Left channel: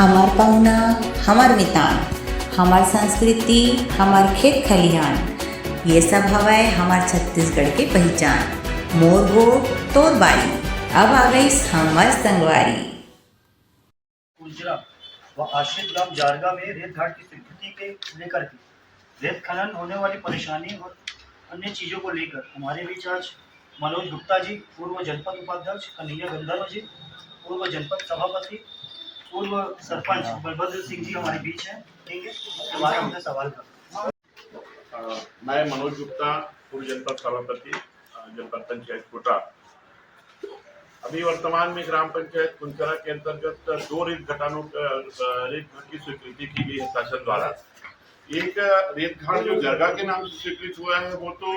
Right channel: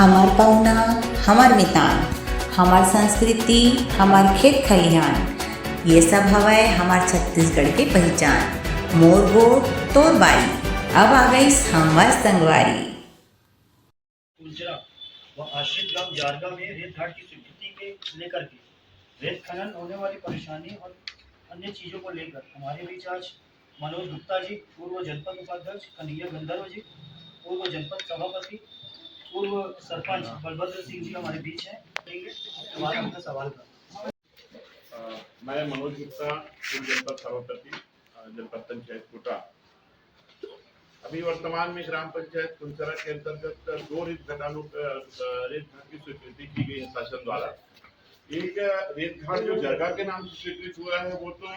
हमार पहुना, हमार मितान, हमार संस्कृति, हमार खेत खलिहान, ये सब हवाए हमार छत्तीसगढ़ के पहचान। मोर गोट तोर बारी, अब आ गई हमार संगवारी। कुंजरा व आश्रित ग्राम जारगा में रेत घाट की स्वीकृति के लेकर के रेत खनन होने वाली परेशानी और अन्य चीजों को लेकर हमारे बीच आज मनोज गुप्ता जी, पूर्व जनपद उपाध्यक्ष कन्हैया गंधर्व जी, पूर्व जनपद सभापति, पूर्व सरपंच बलभद्र सिंह जी हमारे बीच हैं। ठीक है, हमारे हमसे सवाल कर। मैं मनोज गुप्ता, पूर्व जनपद सभापति, जनपद पंचायत कोटा। अभी वर्तमान में ग्राम पंचायत कुंचरा के अंतर्गत 2 रेत घाट की स्वीकृति की गई है शासन द्वारा। एक रेत घाट जो जरगा के नाम से स्वीकृत हुआ है वो तो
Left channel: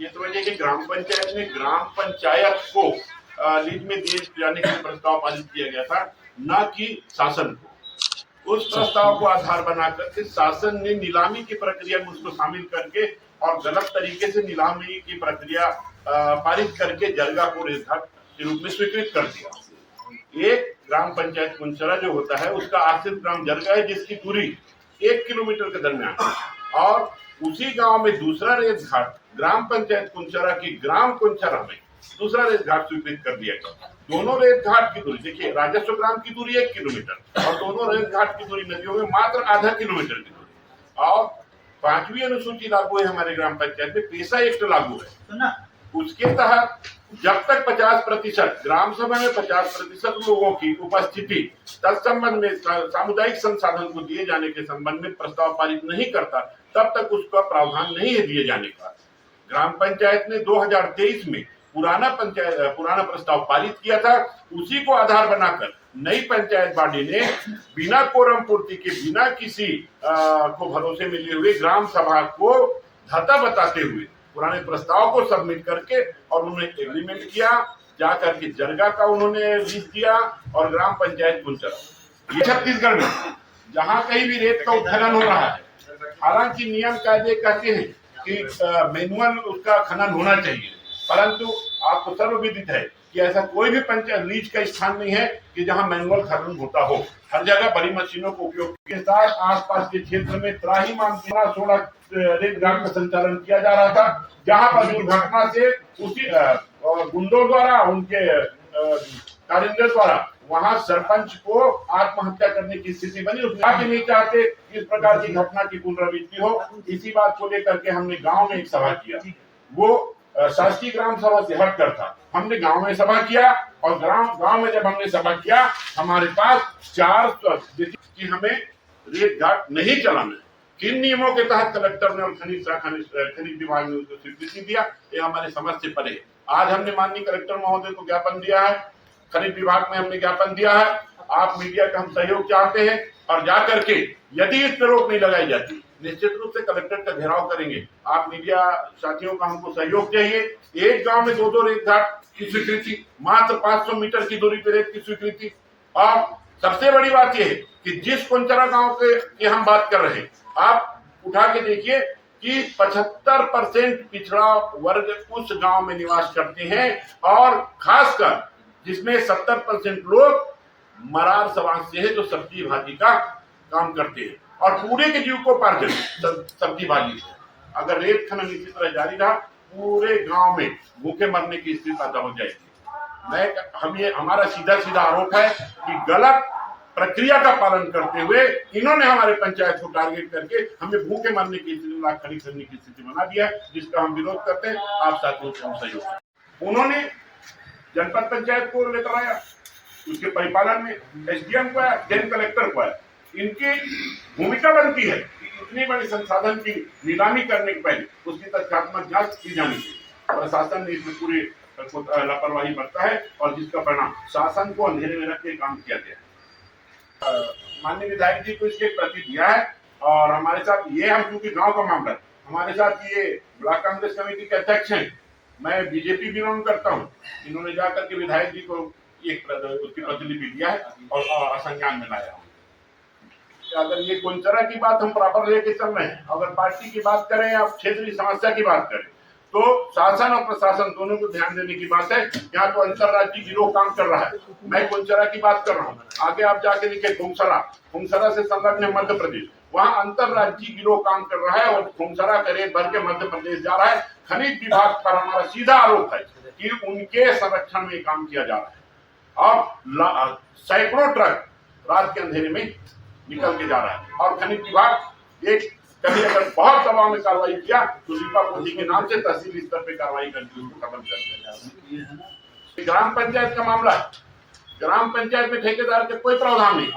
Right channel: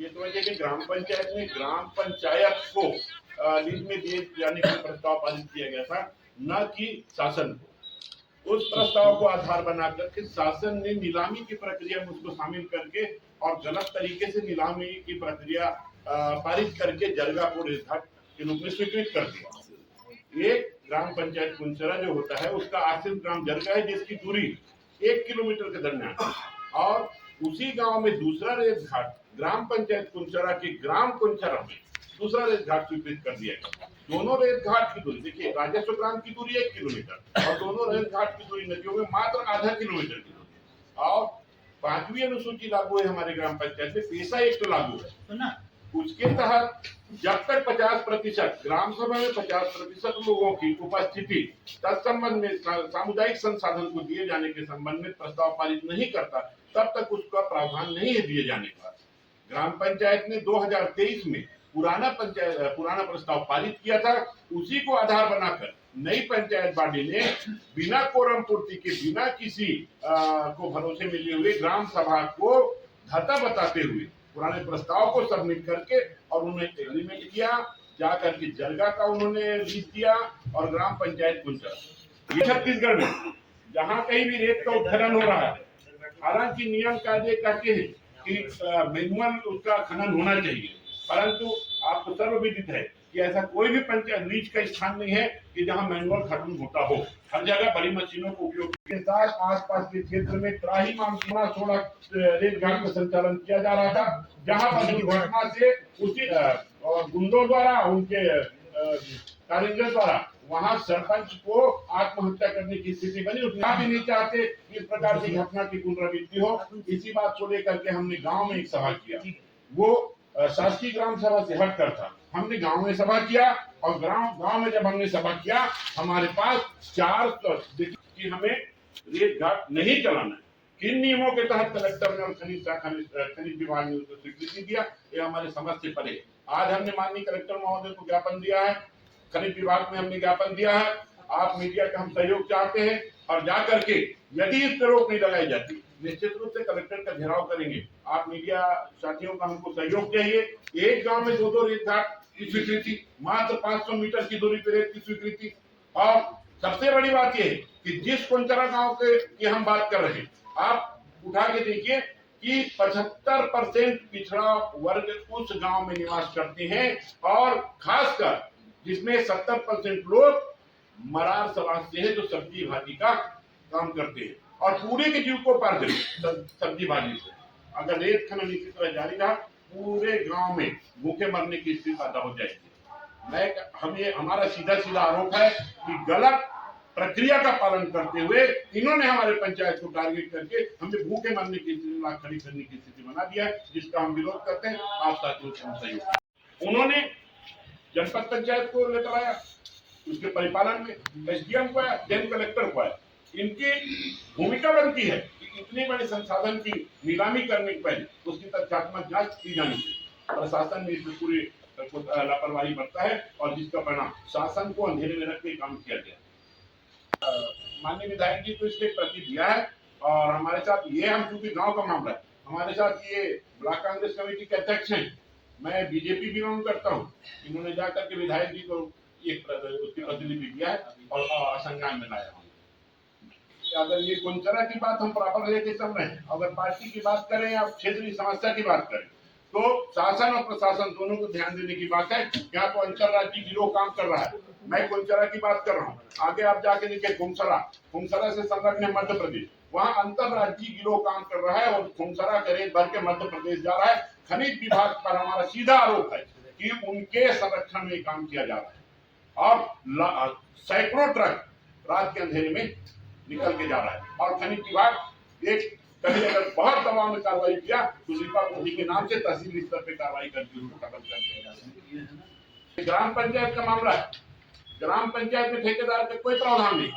ये समझिए कि ग्राम पंचायत ने ग्राम पंचायत को लीज में दिए जाने के लिए प्रस्ताव पारित किया गया था, न कि शासन को। उस प्रस्ताव को आधार बना करके शासन ने नीलामी की प्रक्रिया में उसको शामिल करके और गलत तरीके से नीलामी की प्रक्रिया पारित करके जरगा को रेत घाट के रूप में स्वीकृत कर दिया। एक ग्राम पंचायत कुंचरा जो होता है उसका आश्रित ग्राम जरगा है, जिसकी दूरी 1 किलोमीटर के दरमियान है, और उसी गांव में दूसरा रेत घाट ग्राम पंचायत कुंचरा की ग्राम कुंचरा में दूसरा रेत घाट स्वीकृत कर दिया गया। दोनों रेत घाट की दूरी देखिए, राजस्व ग्राम की दूरी 1 किलोमीटर और दोनों रेत घाट की दूरी नदियों में मात्र आधा किलोमीटर की दूरी। और 5वीं अनुसूची लागू है हमारे ग्राम पंचायत में, पेशा एक्ट लागू है ना। उसके तहत जब तक 50% ग्राम सभा में 50% लोगों की उपस्थिति तत्संबंध में सामुदायिक संसाधन को दिए जाने के संबंध में प्रस्ताव पारित नहीं करता, तब तक उसका प्रावधान नहीं है दिए जाने का। ग्राम पंचायत ने 2023 में पुराना प्रस्ताव पारित किया था। उसी को आधार बनाकर नई पंचायत बॉडी ने बिना कोरम पूर्ति के, बिना किसी को भरोसे में लिए हुए ग्राम सभा को धता बताते हुए पुराने प्रस्ताव को सबमिट करके और उन्होंने एग्रीमेंट किया, जाकर के जरगा का उन्होंने लीज दिया और ग्राम पंचायत कुंचरा। ये छत्तीसगढ़ में जहां कहीं भी रेत का उत्खनन हो रहा है, हालांकि नियम कायदे कहते हैं कि मैनुअल उसका खनन होना चाहिए, परंतु आपको सर्वविदित है कि ऐसा कोई भी पंचायत लीज का स्थान नहीं है कि जहां मैनुअल खनन होता हो। हर जगह बड़ी मशीनों को उपयोग के साथ आसपास के क्षेत्र में त्राहीमाम 16 रेत घाट का संचालन किया जा रहा था, जहां पर दुर्घटना से उसी गुंडों द्वारा, उनके कारिंदर द्वारा वहां सरपंच को आत्महत्या करने की स्थिति बनी। उसका भी नहीं चाहते इस प्रकार की घटना की पुनरावृत्ति हो। इसी बात को लेकर के हमने गांव में एक सभा किया। वो शासकीय ग्राम सभा से हटकर था। हमने गांव में सभा किया और गांव में जब हमने सभा किया, हमारे पास 4 कि हमें रेत घाट नहीं चलाना है। किन नियमों के तहत कलेक्टर ने और खनिज विभाग ने उसको स्वीकृति दिया, ये हमारे समझ से परे है। आज हमने माननीय कलेक्टर महोदय को ज्ञापन दिया है, खनिज विभाग में हमने ज्ञापन दिया है। आप मीडिया का हम सहयोग चाहते हैं और जाकर के यदि इस पर रोक नहीं लगाई जाती, निश्चित रूप से कलेक्टर का घेराव करेंगे। आप मीडिया साथियों का हमको सहयोग चाहिए। एक गांव में 2 रेत घाट की स्वीकृति, मात्र 500 मीटर की दूरी पर रेत की स्वीकृति। और सबसे बड़ी बात यह है कि जिस कुंचरा गांव की हम बात कर रहे हैं, आप उठा के देखिए कि 75% पिछड़ा वर्ग उस गांव में निवास करते हैं, और खासकर जिसमें 70% लोग मरार समाज से है, जो सब्जी भाजी का काम करते हैं और पूरे के जीविकोपार्जन सब्जी भाजी से। अगर रेत खनन इसी तरह जारी रहा, पूरे गांव में भूखे मरने की स्थिति पैदा हो जाएगी। हमारा सीधा आरोप है कि गलत प्रक्रिया का पालन करते हुए इन्होंने हमारे पंचायत को टारगेट करके हमें भूखे मरने की स्थिति, लाख खरीद करने की स्थिति बना दिया है, जिसका हम विरोध करते हैं। आप साथियों से हम सहयोग। उन्होंने जनपद पंचायत को लेकर आया, उसके परिपालन में एसडीएम को आया, जैन कलेक्टर को आया। इनकी भूमिका बनती है कि इतनी बड़ी संसाधन की नीलामी करने के पहले उसकी तथ्यात्मक जांच की जानी चाहिए। प्रशासन ने इसमें पूरी लापरवाही बरता है और जिसका परिणाम शासन को अंधेरे में रख के काम किया गया। माननीय विधायक जी को इसके प्रति दिया है, और हमारे साथ ये, हम क्योंकि गांव का मामला है, हमारे साथ ये ब्लॉक कांग्रेस कमेटी के अध्यक्ष हैं, मैं बीजेपी बिलोंग करता हूँ। इन्होंने जाकर के विधायक जी को एक उसकी प्रतिलिपि दिया है और संज्ञान में लाया हूँ। अगर ये कुंचरा की बात हम प्रॉपर लेके चल रहे हैं, अगर पार्टी की बात करें या क्षेत्रीय समस्या की बात करें, तो शासन और प्रशासन दोनों को ध्यान देने की बात है। यहाँ तो अंतर्राज्यीय गिरोह काम कर रहा है। मैं कुंचरा की बात कर रहा हूँ, आगे आप जाके देखिए खुमसरा से संलग्न है मध्य प्रदेश, वहाँ अंतर्राज्यीय गिरोह काम कर रहा है और खुमसरा का रेत भर के मध्य प्रदेश जा रहा है। खनिज विभाग पर हमारा सीधा आरोप है कि उनके संरक्षण में काम किया जा रहा है। अब सैकड़ों ट्रक रात के अंधेरे में निकल के जा रहा है और खनिज विभाग एक कभी अगर बहुत दबाव में कार्रवाई किया तो लीपापोती के नाम से तहसील स्तर पे कार्रवाई करके उसको खत्म कर दिया। ग्राम पंचायत का मामला है, ग्राम पंचायत में ठेकेदार के कोई प्रावधान नहीं,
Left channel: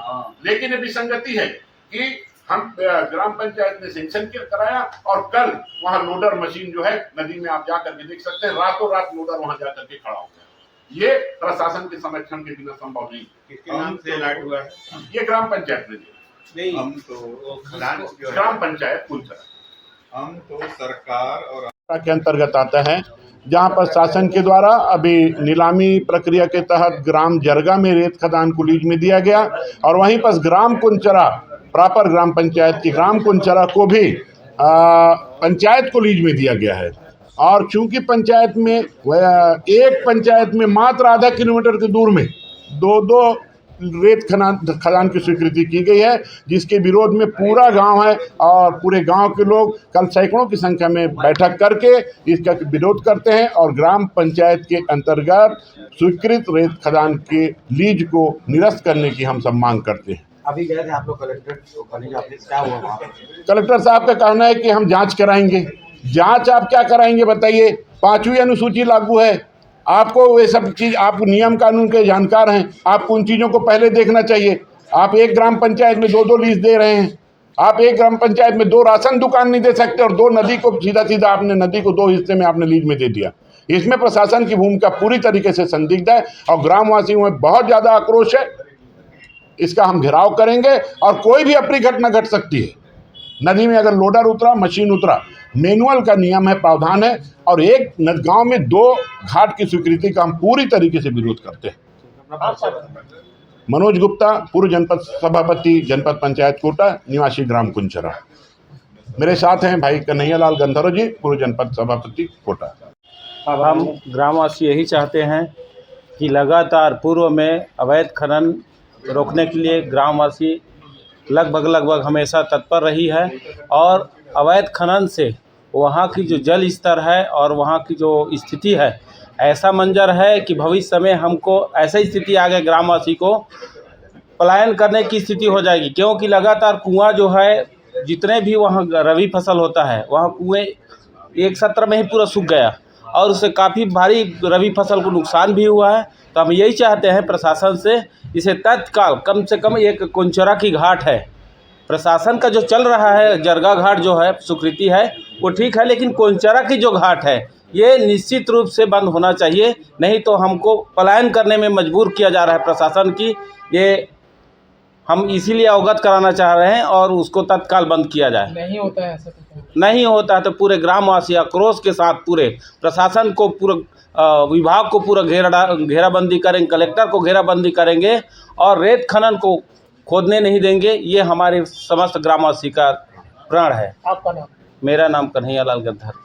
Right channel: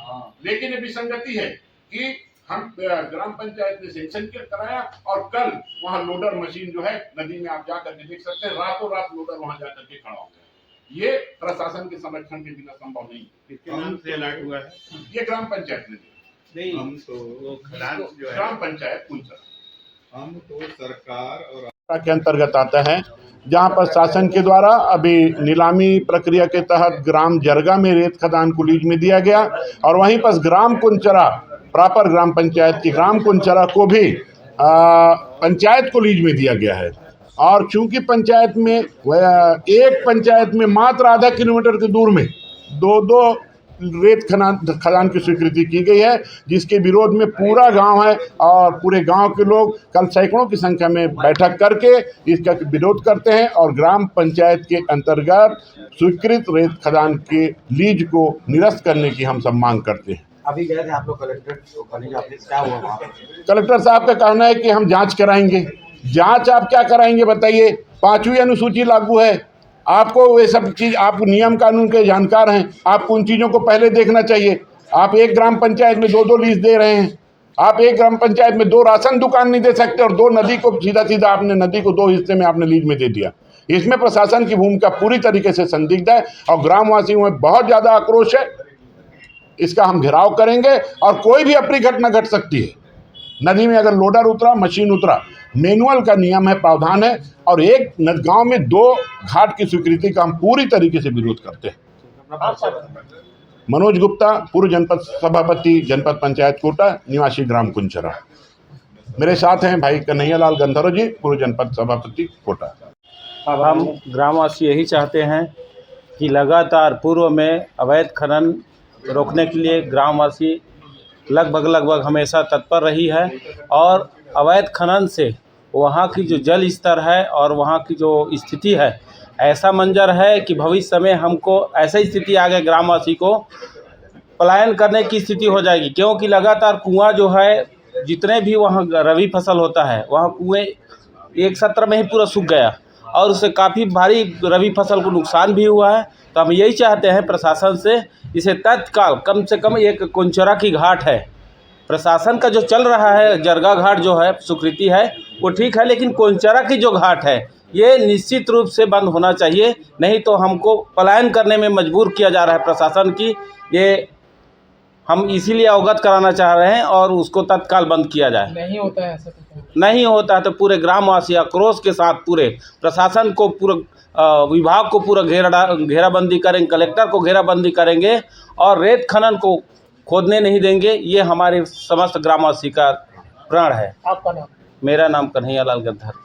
लेकिन ये विसंगति है कि हम ग्राम पंचायत ने सेंक्शन कराया और कल वहां लोडर मशीन जो है नदी में आप जाकर के देख सकते हैं, रातों रात लोडर वहां जाकर के खड़ा हो गया। ये प्रशासन के संरक्षण के बिना संभव नहीं। किसके नाम से अलर्ट हुआ है? ये ग्राम पंचायत ने दिया। हम तो खलान जो है, ग्राम पंचायत कुंचरा हम तो सरकार और के अंतर्गत आता है, जहां पर शासन के द्वारा अभी नीलामी प्रक्रिया के तहत ग्राम जरगा में रेत खदान को लीज में दिया गया और वहीं पर ग्राम कुंचरा प्रॉपर ग्राम पंचायत की ग्राम कुंचरा को भी पंचायत को लीज में दिया गया है। और चूंकि पंचायत में एक पंचायत में मात्र आधा किलोमीटर के दूर में दो रेत खदान की स्वीकृति की गई है, जिसके विरोध में पूरा गांव है और पूरे गांव के लोग कल सैकड़ों की संख्या में बैठक करके इसका विरोध करते हैं और ग्राम पंचायत के अंतर्गत स्वीकृत रेत खदान के लीज को निरस्त करने की हम सब मांग करते हैं। अभी गए थे आप लोग कलेक्टर ऑफिस, क्या हुआ वहाँ? कलेक्टर साहब का कहना है कि हम जांच कराएंगे। जांच आप क्या कराएंगे बताइए? 5वीं अनुसूची लागू है, आपको वे सब चीज़, आप नियम कानून के जानकार हैं, आपको उन चीज़ों को पहले देखना चाहिए। आप एक ग्राम पंचायत में 2 लीज दे रहे हैं, आप एक ग्राम पंचायत में 2 राशन दुकान नहीं दे सकते और 2 नदी को सीधा आपने नदी को 2 हिस्से में आपने लीज में दे दिया। इसमें प्रशासन की भूमिका पूरी तरीके से संदिग्ध है और ग्रामवासियों में बहुत ज़्यादा आक्रोश है। इसका हम घेराव करेंगे और कोई भी अप्रिय घटना घट सकती है। नदी में अगर लोडर उतरा, मशीन उतरा, मैनुअल का नियम है, प्रावधान है और एक गांव में 2 घाट की स्वीकृति का हम पूरी तरीके से विरोध करते हैं। मनोज गुप्ता, पूर्व जनपद सभापति, जनपद पंचायत कोटा, निवासी ग्राम कुंचरा। मेरे साथ हैं भाई कन्हैयालाल गंधर्व जी, पूर्व जनपद सभापति कोटा। अब हम ग्रामवासी यही चाहते हैं कि लगातार पूर्व में अवैध खनन रोकने के लिए ग्रामवासी लगभग हमेशा तत्पर रही है और अवैध खनन से वहाँ की जो जल स्तर है और वहाँ की जो स्थिति है, ऐसा मंजर है कि भविष्य में हमको ऐसी स्थिति आ गई, ग्रामवासी को पलायन करने की स्थिति हो जाएगी। क्योंकि लगातार कुआं जो है, जितने भी वहाँ रबी फसल होता है, वहाँ कुएँ एक सत्र में ही पूरा सूख गया और उससे काफ़ी भारी रबी फसल को नुकसान भी हुआ है। तो हम यही चाहते हैं प्रशासन से, इसे तत्काल कम से कम एक कुंचरा की घाट है, प्रशासन का जो चल रहा है जरगा घाट जो है स्वीकृति है वो ठीक है, लेकिन कुंचरा की जो घाट है ये निश्चित रूप से बंद होना चाहिए, नहीं तो हमको पलायन करने में मजबूर किया जा रहा है प्रशासन की। ये हम इसीलिए अवगत कराना चाह रहे हैं और उसको तत्काल बंद किया जाए। नहीं होता है ऐसा, नहीं होता है तो पूरे ग्रामवासी आक्रोश के साथ पूरे प्रशासन को, पूरा विभाग को पूरा घेराबंदी करेंगे, कलेक्टर को घेराबंदी करेंगे और रेत खनन को खोदने नहीं देंगे। ये हमारे समस्त ग्रामवासी का प्रण है। आपका नाम? मेरा नाम कन्हैयालाल गंधर्व।